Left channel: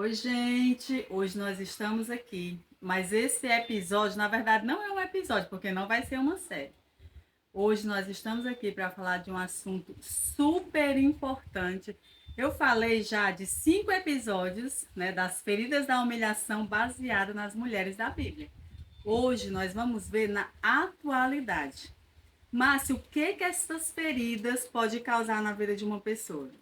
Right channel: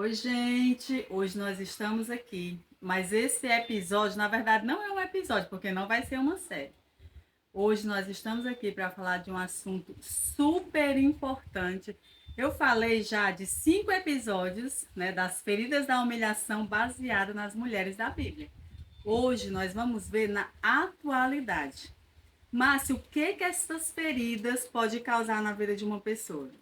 Oi, gente! Hoje nós estamos aqui, mas esse episódio, na verdade, não é um episódio, porque não vai ser uma série. Hoje nós estamos aqui para falar de um assunto super importante. Eu falei já de 5 episódios, né, das feridas da humilhação baseada nas mulheres da Bíblia. Hoje nós vamos ver na atualidade. Márcio, o que essas feridas podem causar na vida de uma pessoa?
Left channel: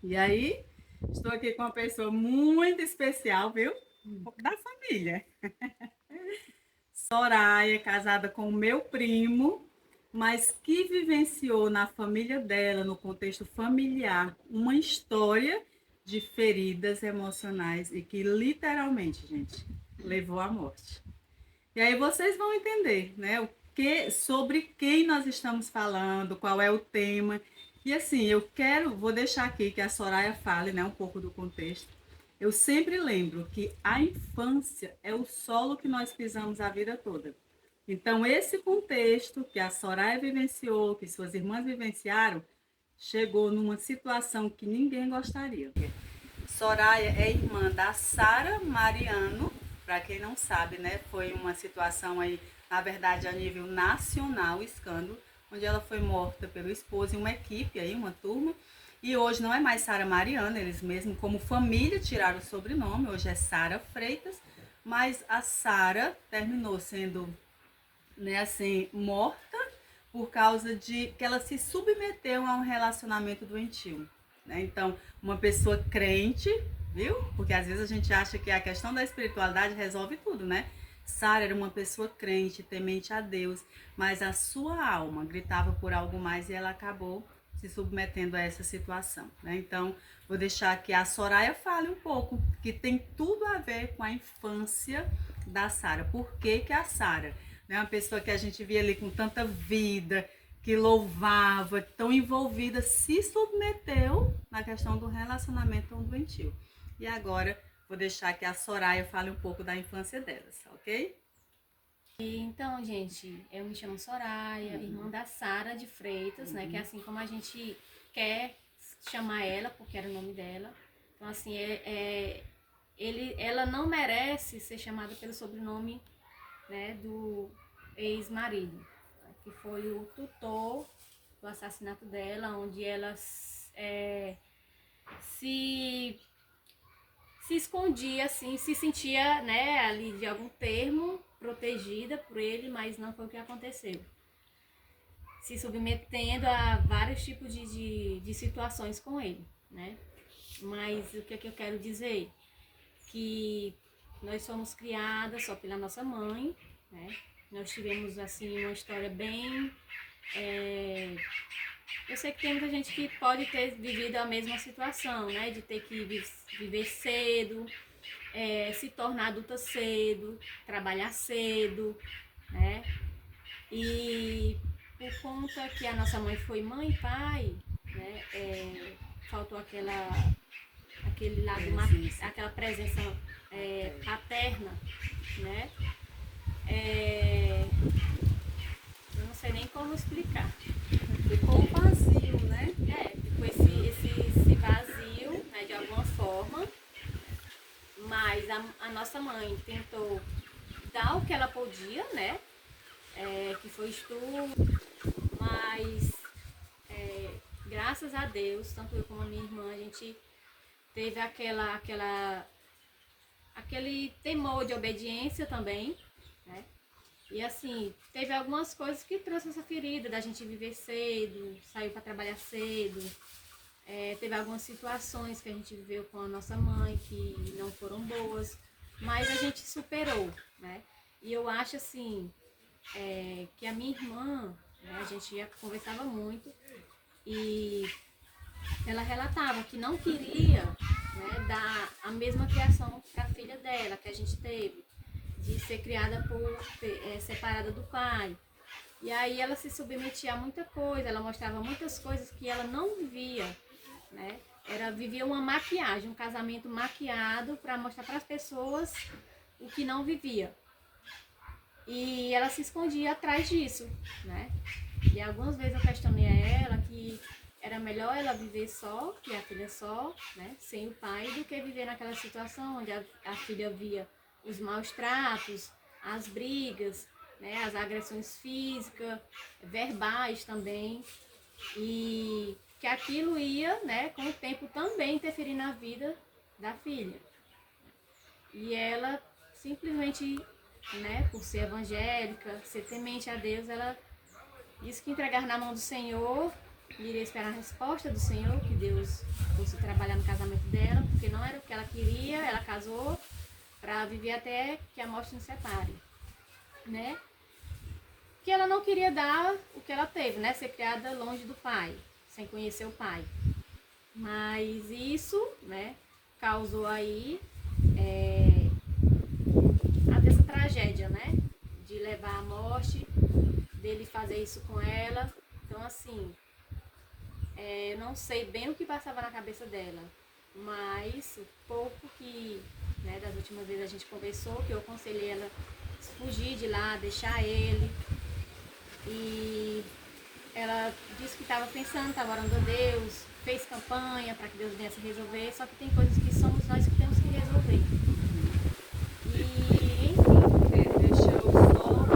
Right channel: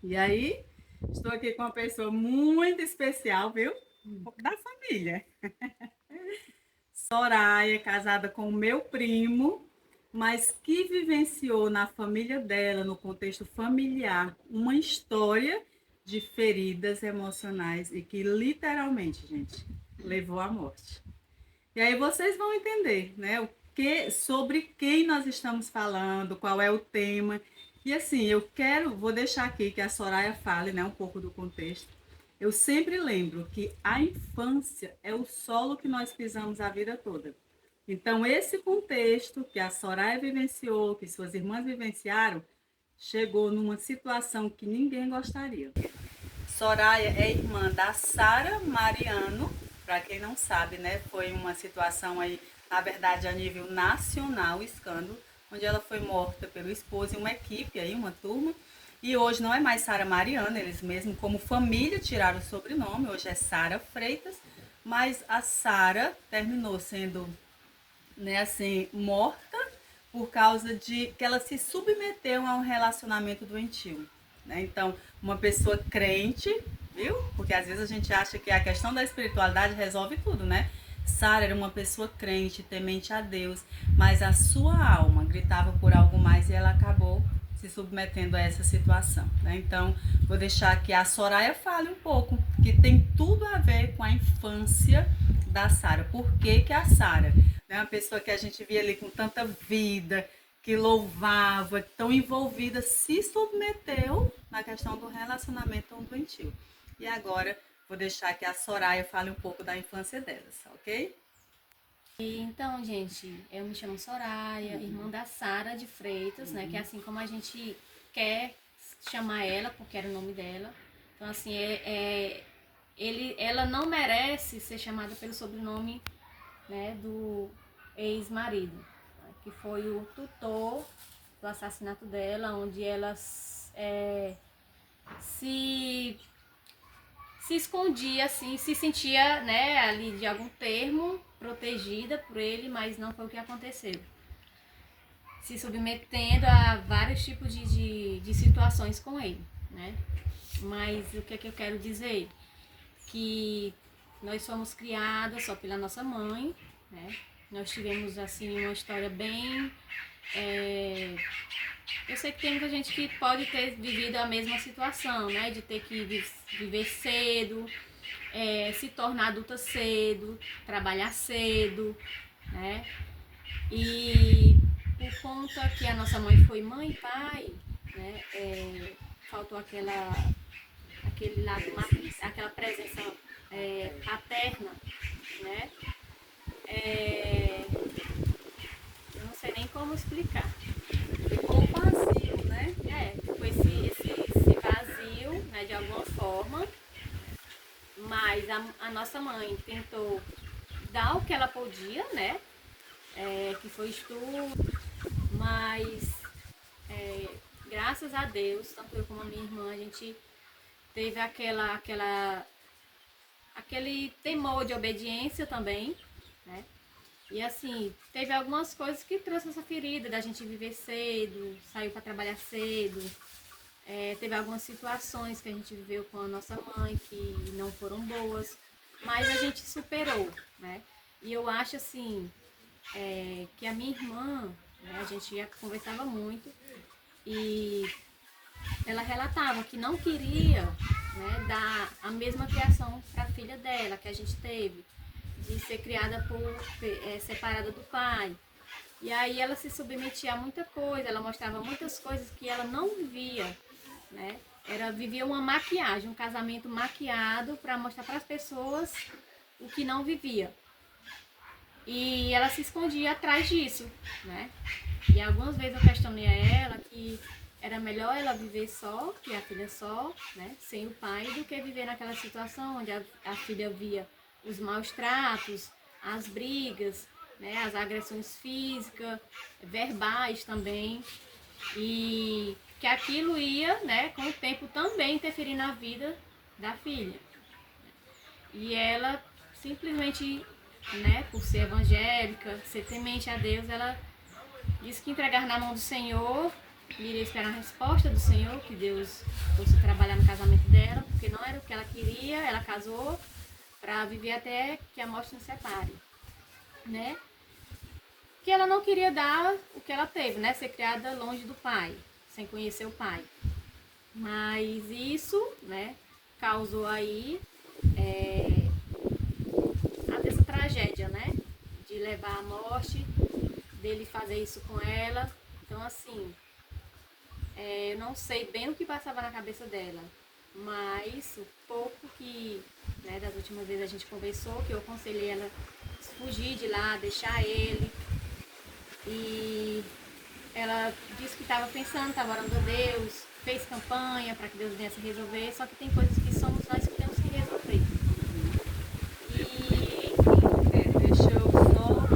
E aí, estou aqui com uma pessoa muito especial, viu? Da família. Soraya, casada com o meu primo, mas que vivenciou na família dela, no contexto familiar, uma história de feridas emocionais e que literalmente, gente, levou à morte. E aí vocês vão entender, né, sobre quem nós estamos falando, qual é o tema. E assim, vou deixar aqui que a Soraya fale, né, um pouco do contexto. Eu sempre lembro que a infância é o solo que nós pisamos a vida toda. Então, esse contexto que a Soraya vivenciou, que suas irmãs vivenciaram, chegou numa situação que ninguém gostaria. Soraya é irmã da Sara Mariano, para quem não sabe, né? Foi uma situação aí, na verdade, a nível nacional, escândalo, onde ela foi morta pelo esposo e uma equipe aí, uma turma. E hoje não é mais Sara Mariano, eles mesmo como família tiraram o sobrenome, hoje é Sara Freitas, mas a Sara terminou sendo, né, assim, morta por causa de que ela se submeteu a um relacionamento doentio, né? Então, uma pessoa crente, viu? Porque às vezes a gente acha que a questão da espiritualidade resolve tudo, né? Sara era uma pessoa crente, temente a Deus, mas a sua alma gritava por algo mais e ela acabou se submetendo a essa situação, né? Então, vou deixar que a Soraya fale um pouco, que tem tudo a ver com a infância da Sara. Por que que a Sara, né, uma pessoa que a gente via ali com tanta vida, que louvava, tão envolvida, se submeteu na questão do relacionamento tão doentio. E agora vou deixar que a Soraya fale um pouco da infância delas, ok? Então, gente, eu me chamo Soraya, irmã da Sara de Freitas, né? Que é assim como a gente quer chamar ela, porque era o nome dela. Então, assim, ela não merece ser chamada pelo sobrenome, né, do ex-marido, né, que foi o tutor do assassinato dela, onde ela se se escondia, assim, se sentia, né, ali de algum termo protegida por ele, mas não foi o que aconteceu. Se submetendo a vários tipos de situações com ele, né? Mas o que é que eu quero dizer? Que nós somos criadas só pela nossa mãe, né? Nós tivemos, assim, uma história bem... Eu sei que tem muita gente que pode ter vivido a mesma situação, né? De ter que viver cedo, se tornar adulta cedo, trabalhar cedo, né? E por conta que a nossa mãe foi mãe e pai, né? Faltou aquele lado, aquela presença paterna, né? Eu não sei nem como explicar. Ficou um vazio, né? Ficou esse vazio, né, de alguma forma, mas a nossa mãe tentou dar o que ela podia, né? Que foi estudo, mas graças a Deus, tanto eu como a minha irmã, a gente teve aquele temor de obediência também, né? E assim, teve algumas coisas que trouxe essa ferida da gente viver cedo, sair para trabalhar cedo. Teve algumas situações que a gente viveu com a nossa mãe que não foram boas, mas a gente superou, né? E eu acho assim, que a minha irmã, né, a gente conversava muito e ela relatava que não queria, né, dar a mesma criação para a filha dela que a gente teve, de ser criada separada do pai. E aí ela se submetia a muita coisa, ela mostrava muitas coisas que ela não vivia, né? Vivia uma maquiagem, um casamento maquiado para mostrar para as pessoas o que não vivia. E ela se escondia atrás disso, né? E algumas vezes eu questionei a ela que era melhor ela viver só, criar a filha só, né, sem o pai, do que viver naquela situação onde a filha via os maus tratos, as brigas, né, as agressões físicas, verbais também, e que aquilo ia, né, com o tempo também interferir na vida da filha. E ela simplesmente, né, por ser evangélica, ser temente a Deus, ela disse que entregar na mão do Senhor, iria esperar a resposta do Senhor, que Deus fosse trabalhar no casamento dela, porque não era o que ela queria, ela casou para viver até que a morte nos separe, né? Que ela não queria dar o que ela teve, né? Ser criada longe do pai, sem conhecer o pai. Mas isso, né, causou aí essa tragédia, né? De levar à morte, dele fazer isso com ela. Então, assim, eu não sei bem o que passava na cabeça dela, mas o pouco que, né, das últimas vezes a gente conversou, que eu aconselhei ela a fugir de lá, deixar ele. E ela disse que estava pensando, estava orando a Deus, fez campanha para que Deus viesse resolver, só que tem coisas que somos nós que temos que resolver. E, enfim. Deixa eu só,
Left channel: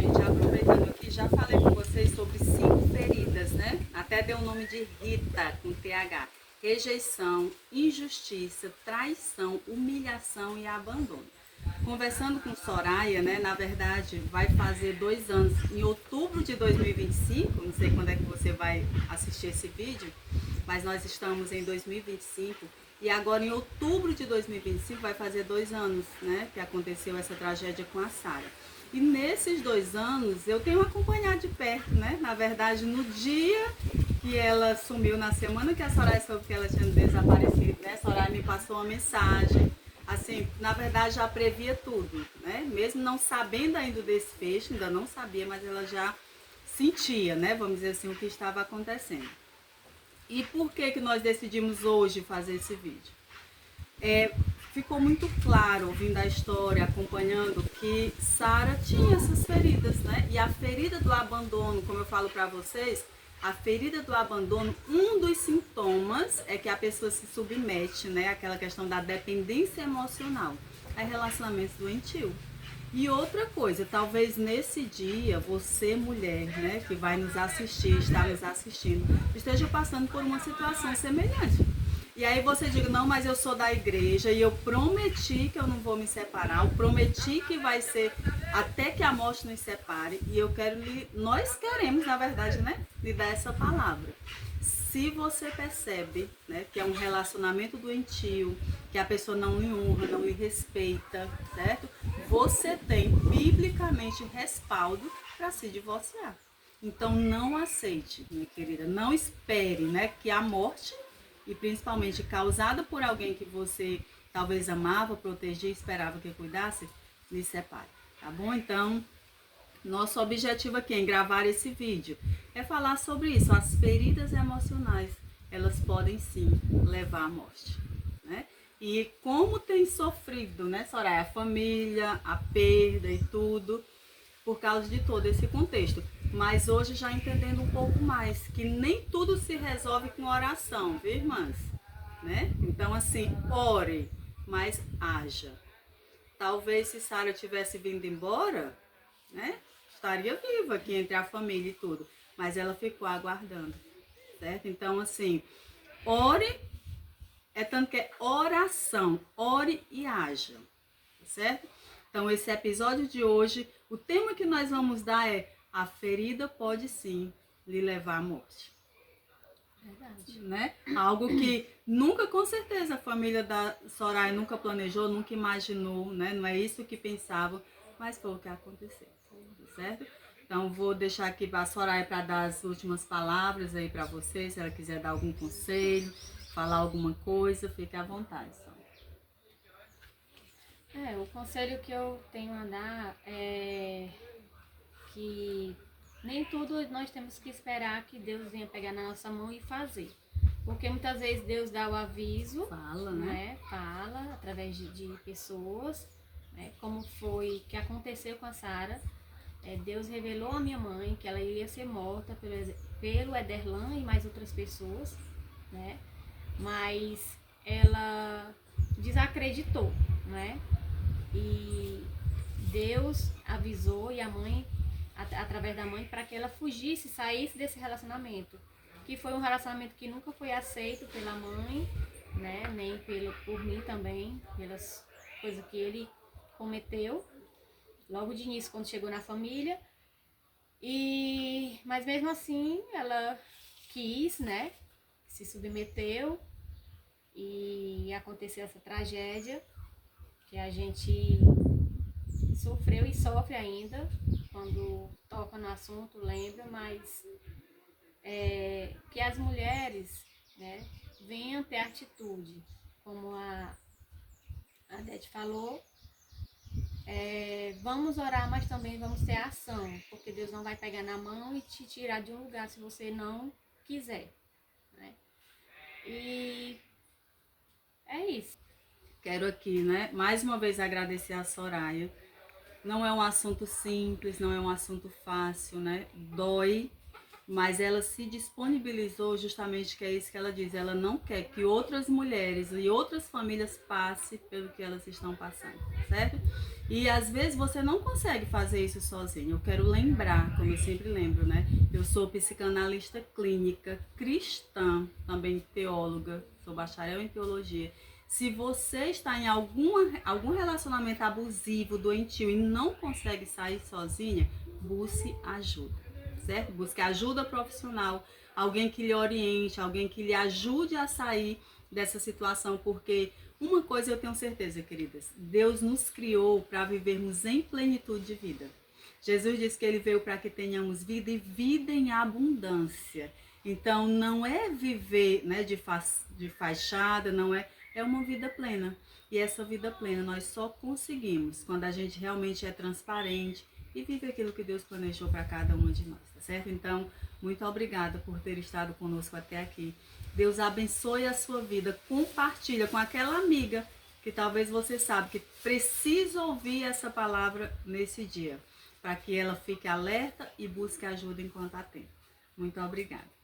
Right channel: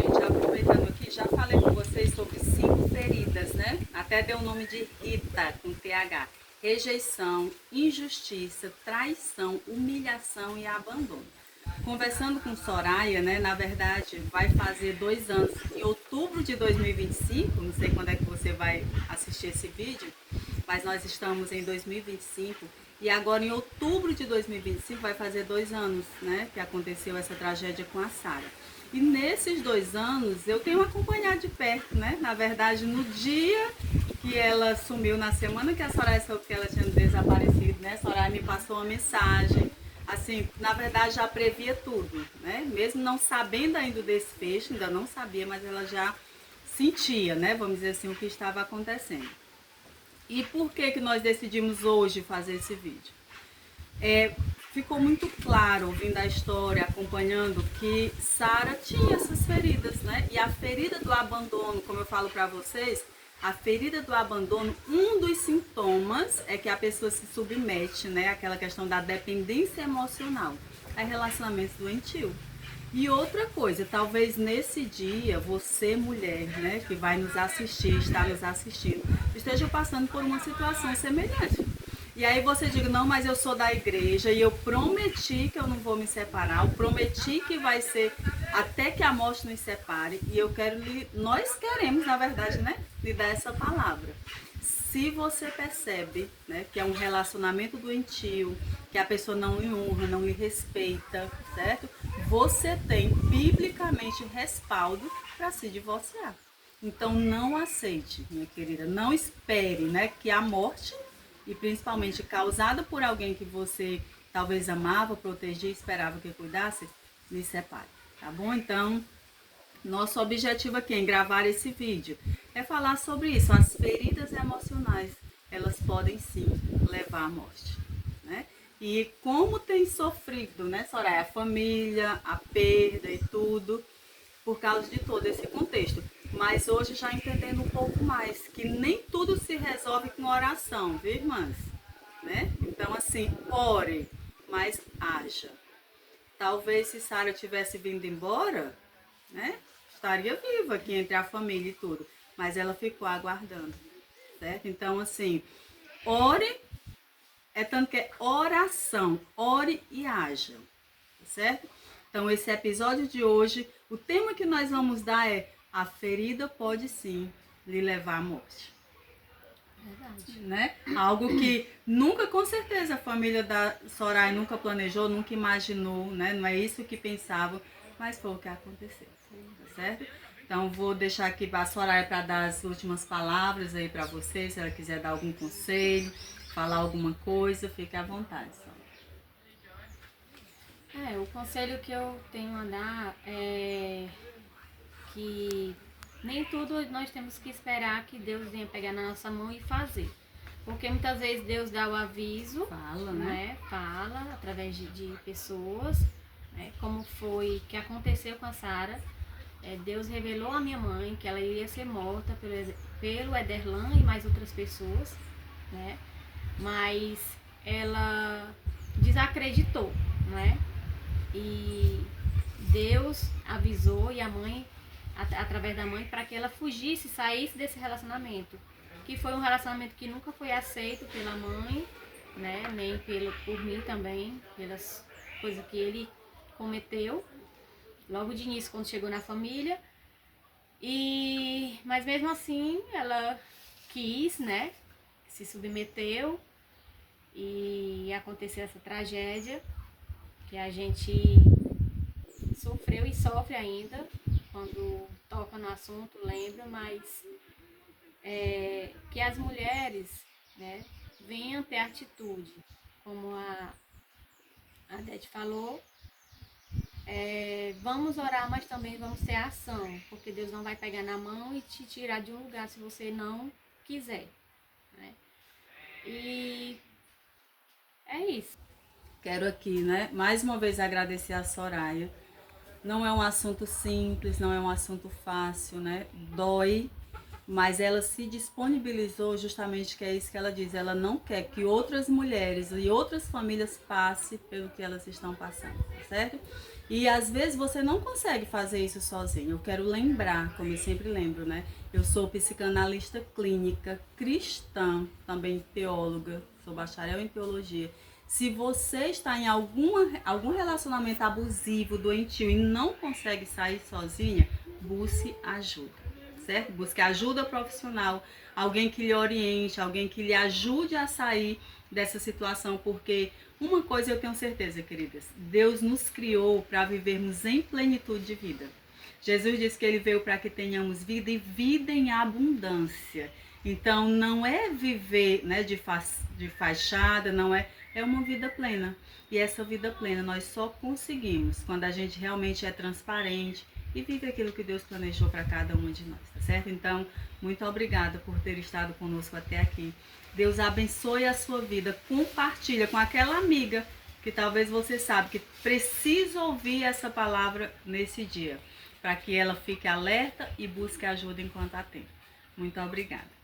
gente, aproveitando aqui, já falei com vocês sobre 5 feridas, né? Até deu o nome de Rita, com TH. Rejeição, injustiça, traição, humilhação e abandono. Conversando com Soraya, né, na verdade vai fazer 2 anos, em outubro de 2025, não sei quando é que você vai assistir esse vídeo, mas nós estamos em 2025 e agora em outubro de 2025 vai fazer 2 anos, né, que aconteceu essa tragédia com a Sara. E nesses 2 anos eu tenho acompanhado de perto, né, na verdade no dia que ela sumiu, na semana que a Soraya soube que ela tinha desaparecido, né, Soraya me passou uma mensagem. Assim, na verdade já previa tudo, né? Mesmo não sabendo ainda do desfecho, ainda não sabia, mas ela já sentia, né? Vamos dizer assim, o que estava acontecendo. E por que que nós decidimos hoje fazer esse vídeo? Ficou muito claro, ouvindo a história, acompanhando, que Sara tinha essas feridas, né? E a ferida do abandono, como eu falo para vocês, a ferida do abandono, um dos sintomas é que a pessoa se submete, né? Aquela questão da dependência emocional, a relacionamentos doentio. E outra coisa, talvez nesse dia, você mulher, né, que vai nos assistir, está nos assistindo, esteja passando por uma situação semelhante. E aí você diga, não, mas eu sou da igreja e eu prometi que eu não vou me separar, eu prometi que vai ser até que a morte nos separe. E eu quero, nós queremos, na verdade, né, lhe dar essa palavra. Se você percebe, né, que é um relacionamento doentio, que a pessoa não lhe honra, não lhe respeita, certo? Você tem biblicamente o respaldo para se divorciar. Então não aceite, minha querida, não espere, né, que a morte, e principalmente causada por alguém que você talvez amava, protegia, esperava que cuidasse, lhe separe, tá bom? Então, nosso objetivo aqui em gravar esse vídeo é falar sobre isso. As feridas emocionais, elas podem sim levar à morte, né? E como tem sofrido, né, Soraya, a família, a perda e tudo, por causa de todo esse contexto. Mas hoje já entendendo um pouco mais, que nem tudo se resolve com oração, viu, irmãs? Né? Então, assim, ore, mas haja. Talvez se Sara tivesse vindo embora, né, estaria viva aqui entre a família e tudo. Mas ela ficou aguardando, certo? Então, assim, ore, é tanto que é oração, ore e haja, certo? Então, esse episódio de hoje, o tema que nós vamos dar é: a ferida pode sim lhe levar à morte. Verdade. Né? Algo que nunca, com certeza, a família da Soraya nunca planejou, nunca imaginou, né? Não é isso que pensavam, mas foi o que aconteceu, tá certo? Então, vou deixar aqui a Soraya para dar as últimas palavras aí para vocês, se ela quiser dar algum conselho, falar alguma coisa, fique à vontade, Soraya. O conselho que eu tenho a dar é que nem tudo nós temos que esperar que Deus venha pegar na nossa mão e fazer. Porque muitas vezes Deus dá o aviso, Fala, né? Fala através de pessoas, né? Como foi que aconteceu com a Sara. Deus revelou à minha mãe que ela iria ser morta pelo Ederlan e mais outras pessoas, né? Mas ela desacreditou, né? E Deus avisou e a mãe, através da mãe, para que ela fugisse, saísse desse relacionamento, que foi um relacionamento que nunca foi aceito pela mãe, né? Nem por mim também, pelas coisas que ele cometeu logo de início quando chegou na família. Mas mesmo assim ela quis, né? Se submeteu e aconteceu essa tragédia que a gente sofreu e sofre ainda quando toca no assunto, lembra, mas que as mulheres, né, venham ter atitude, como a Dete falou. Vamos orar, mas também vamos ter ação, porque Deus não vai pegar na mão e te tirar de um lugar se você não quiser, né? E é isso. Quero aqui, né, mais uma vez agradecer a Soraya. Não é um assunto simples, não é um assunto fácil, né? Dói, mas ela se disponibilizou justamente, que é isso que ela diz. Ela não quer que outras mulheres e outras famílias passem pelo que elas estão passando, certo? E às vezes você não consegue fazer isso sozinho. Eu quero lembrar, como eu sempre lembro, né? Eu sou psicanalista clínica, cristã, também teóloga, sou bacharel em teologia. Se você está em algum relacionamento abusivo, doentio e não consegue sair sozinha, busque ajuda, certo? Busque ajuda profissional, alguém que lhe oriente, alguém que lhe ajude a sair dessa situação, porque uma coisa eu tenho certeza, queridas, Deus nos criou para vivermos em plenitude de vida. Jesus disse que ele veio para que tenhamos vida e vida em abundância. Então não é viver, né, de fachada, não é uma vida plena. E essa vida plena nós só conseguimos quando a gente realmente é transparente e vive aquilo que Deus planejou para cada uma de nós, tá certo? Então, muito obrigada por ter estado conosco até aqui. Deus abençoe a sua vida. Compartilha com aquela amiga que talvez você sabe que precisa ouvir essa palavra nesse dia, para que ela fique alerta e busque ajuda enquanto há tempo. Muito obrigada.